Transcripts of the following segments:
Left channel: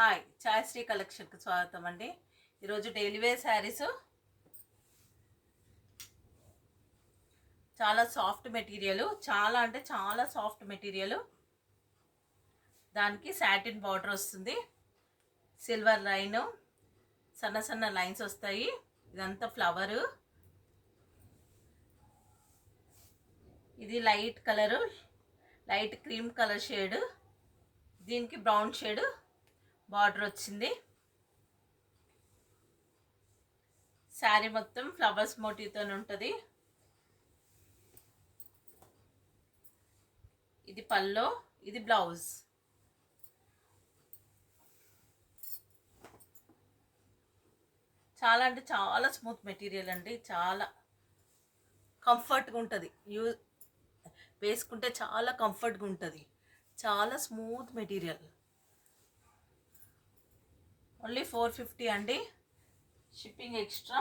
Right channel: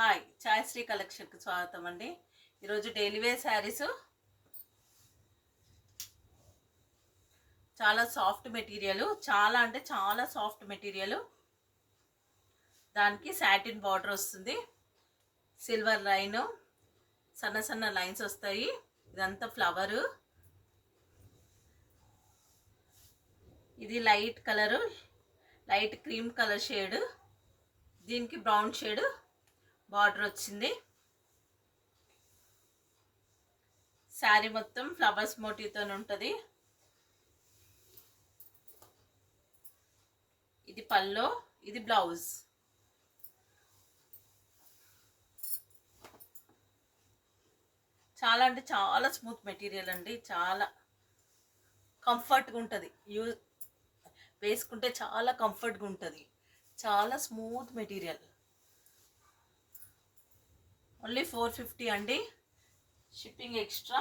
Hi ఛాయశ్రీ కలెక్షన్కి స్వాగతం అండి. ఈరోజు డైలీ వేర్ శారీస్ చాలా సాఫ్ట్ మెటీరియల్, చాలా అంటే చాలా సాఫ్ట్ మెటీరియల్. దానికి సాటిన్ బార్డర్ వస్తుంది, సిల్వర్ లైన్, సన్న సన్న లైన్స్ వస్తాయి. ఇదంతా ఫ్లవరు. ఇది light colour, light cream colour shade. దీనికి బ్రౌన్ షేడ్ బార్డర్ వచ్చింది. శారీ మొత్తం ఫ్లవర్స్ మోటివ్తో ఉంటుంది. ఇది పల్లో, ఇది బ్లౌజ్. చాలా అంటే చాలా స్మూత్ మెటీరియల్ అండి, చాలా కంఫర్ట్గా ఉంటుంది. వేసుకుంటే చాలా కంఫర్ట్గా ఉంటుంది, చాలా స్మూత్ మెటీరియల్. ఓన్లీ 450 అండి, షిప్పింగ్ ఎక్స్ట్రా.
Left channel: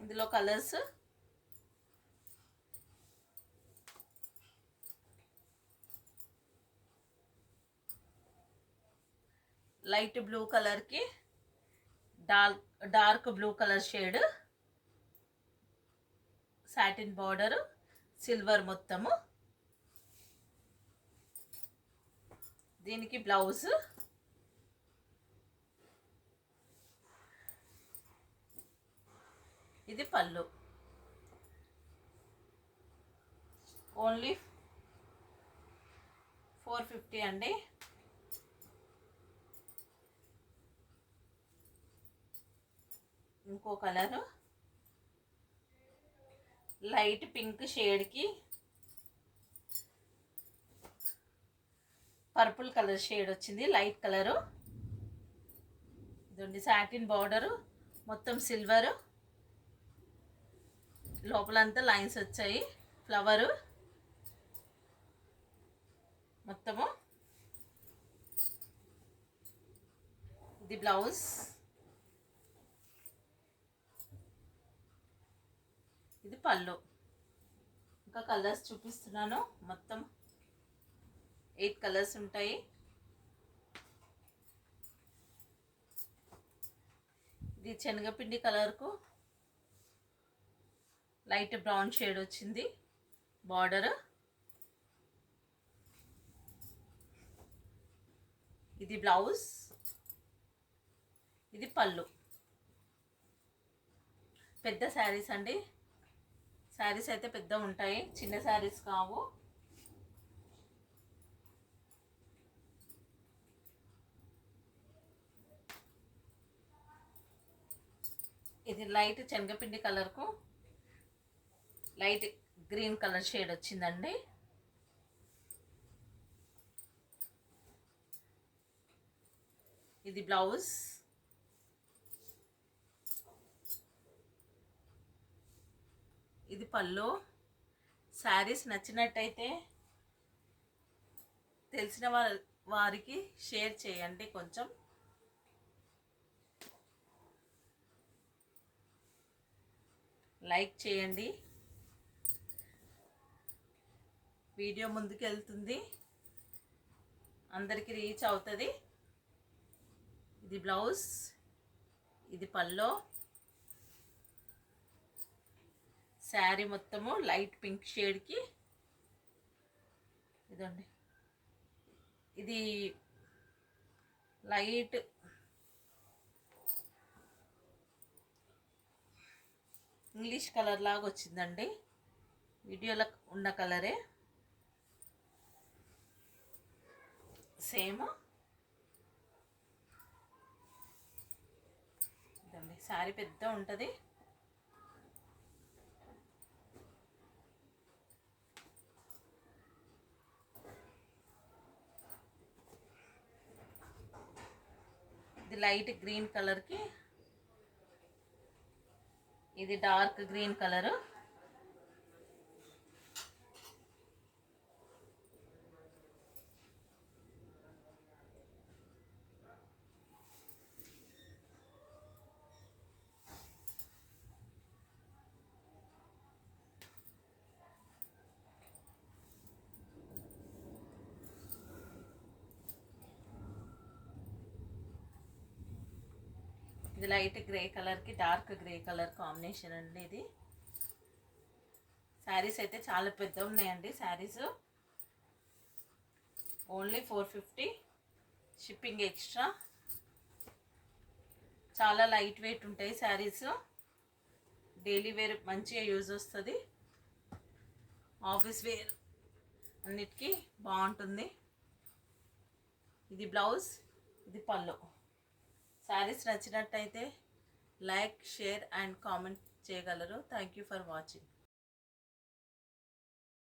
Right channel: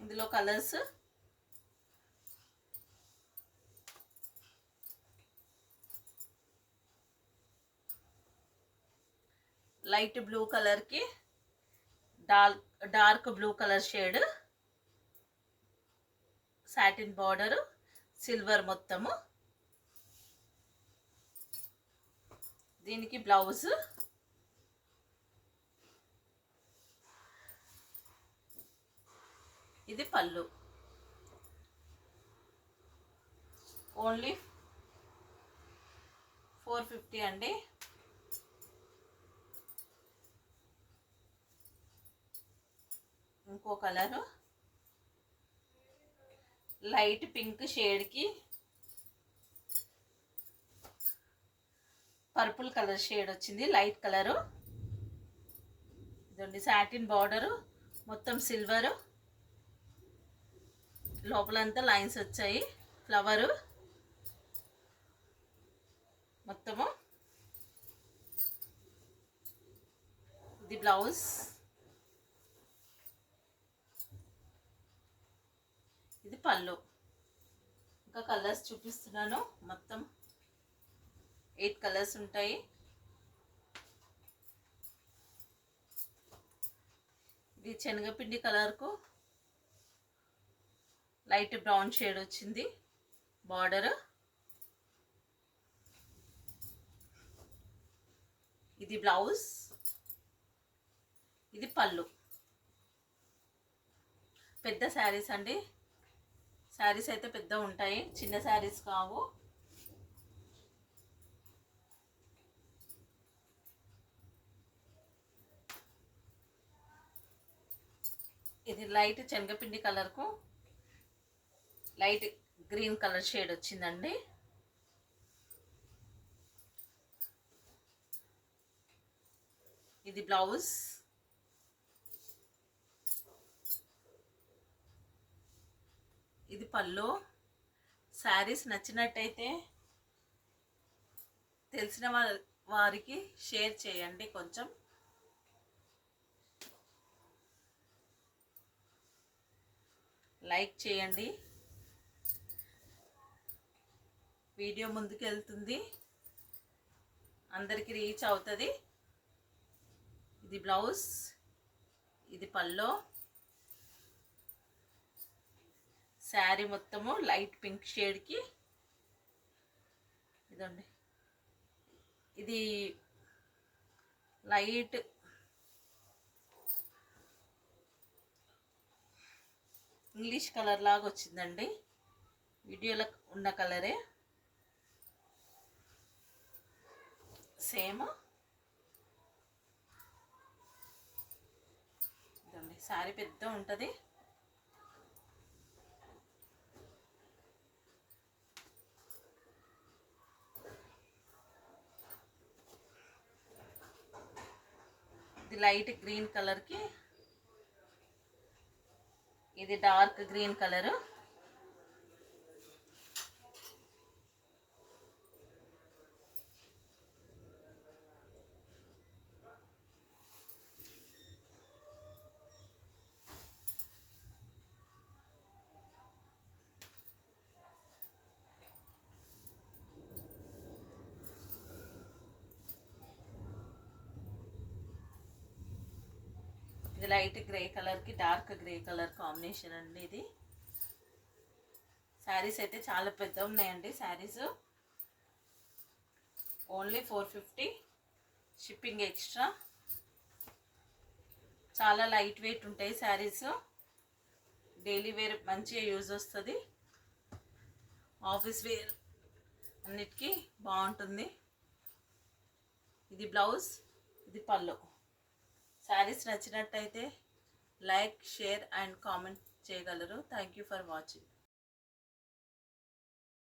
ఇందులో కలర్స్ లైట్ బ్లూ కలర్కి dark blue colour shade, satin border, silver మొత్తము. దీనికి బ్లౌజ్, ఇది పళ్ళు. ఓన్లీ 450 అండి. ఇంకో కలరు లైట్ పింక్ షేడ్కి పర్పుల్ కలర్ షేడ్ వచ్చింది, లైట్ కలరు. ఇదండి సాటిన్ బార్డరు, మొత్తం సిల్వరు, లోపలంతా లైన్స్ వచ్చాయి, ఫ్లవరు మొత్తము. ఇది బ్లౌజ్, ఇది పళ్ళు. ఇంకా కలర్స్ చూపిస్తున్నాను. మొత్తం 8 కలర్స్ ఉంటాయి. ఇది శనగపిండి కలర్కు లైట్ బ్రౌన్ షేడ్ వచ్చింది బార్డర్. ఇది బ్లౌజ్, ఇది పళ్ళు. పెద్ద శారీస్ అండి, శారీస్ అయితే పెద్ద ఉంటాయి, చిన్న శారీస్ కావు. ఇది లైట్ శనగపిండి కలర్కు లైట్ గ్రీన్ కలర్ షేడ్ వచ్చిందండి. ఇది బ్లౌజ్, ఇది పళ్ళు. శారీస్ నచ్చినట్టయితే తెలిసిన వారికి షేర్ చేయండి, కొంచెం లైక్ చేయండి. వీడియో ముందుకు వెళ్తుంది, అందరికీ రీచ్ అవుతుంది. ఇది బ్లౌజ్, ఇది పల్లో. శారీ మొత్తము లైట్ పింక్ షేడ్కి ఇదండి, ఇది లైట్ ఇంగ్లీష్ కలర్ లాగా వచ్చిందండి, వీడియోలో ఉన్న కలరే సేమ్. ఇదండి శారీ పెద్ద ఉంటుంది. ఇది లైట్ గ్రీన్ కలర్కి ఇది dark green colour. Light grey కలర్కి డార్క్ గ్రే కలర్ కాంబినేషన్ అండి ఇది. శారీస్ అయితే చాలా పెద్ద ఉన్నాయండి. Saris only 450, shipping extra. చాలా లైట్ వెయిట్ ఉంటాయి శారీస్. డైలీ వేర్ మంచిగా యూజ్ వస్తుంది, ఆఫీస్ వేర్ అన్నిటికీ బాగుంటుంది. ఇది బ్లౌజ్, ఇది పళ్ళు. శారీస్ నచ్చినట్టయితే లైక్, షేర్ అండ్ కామెంట్ చేయగలరు. Thank you for watching.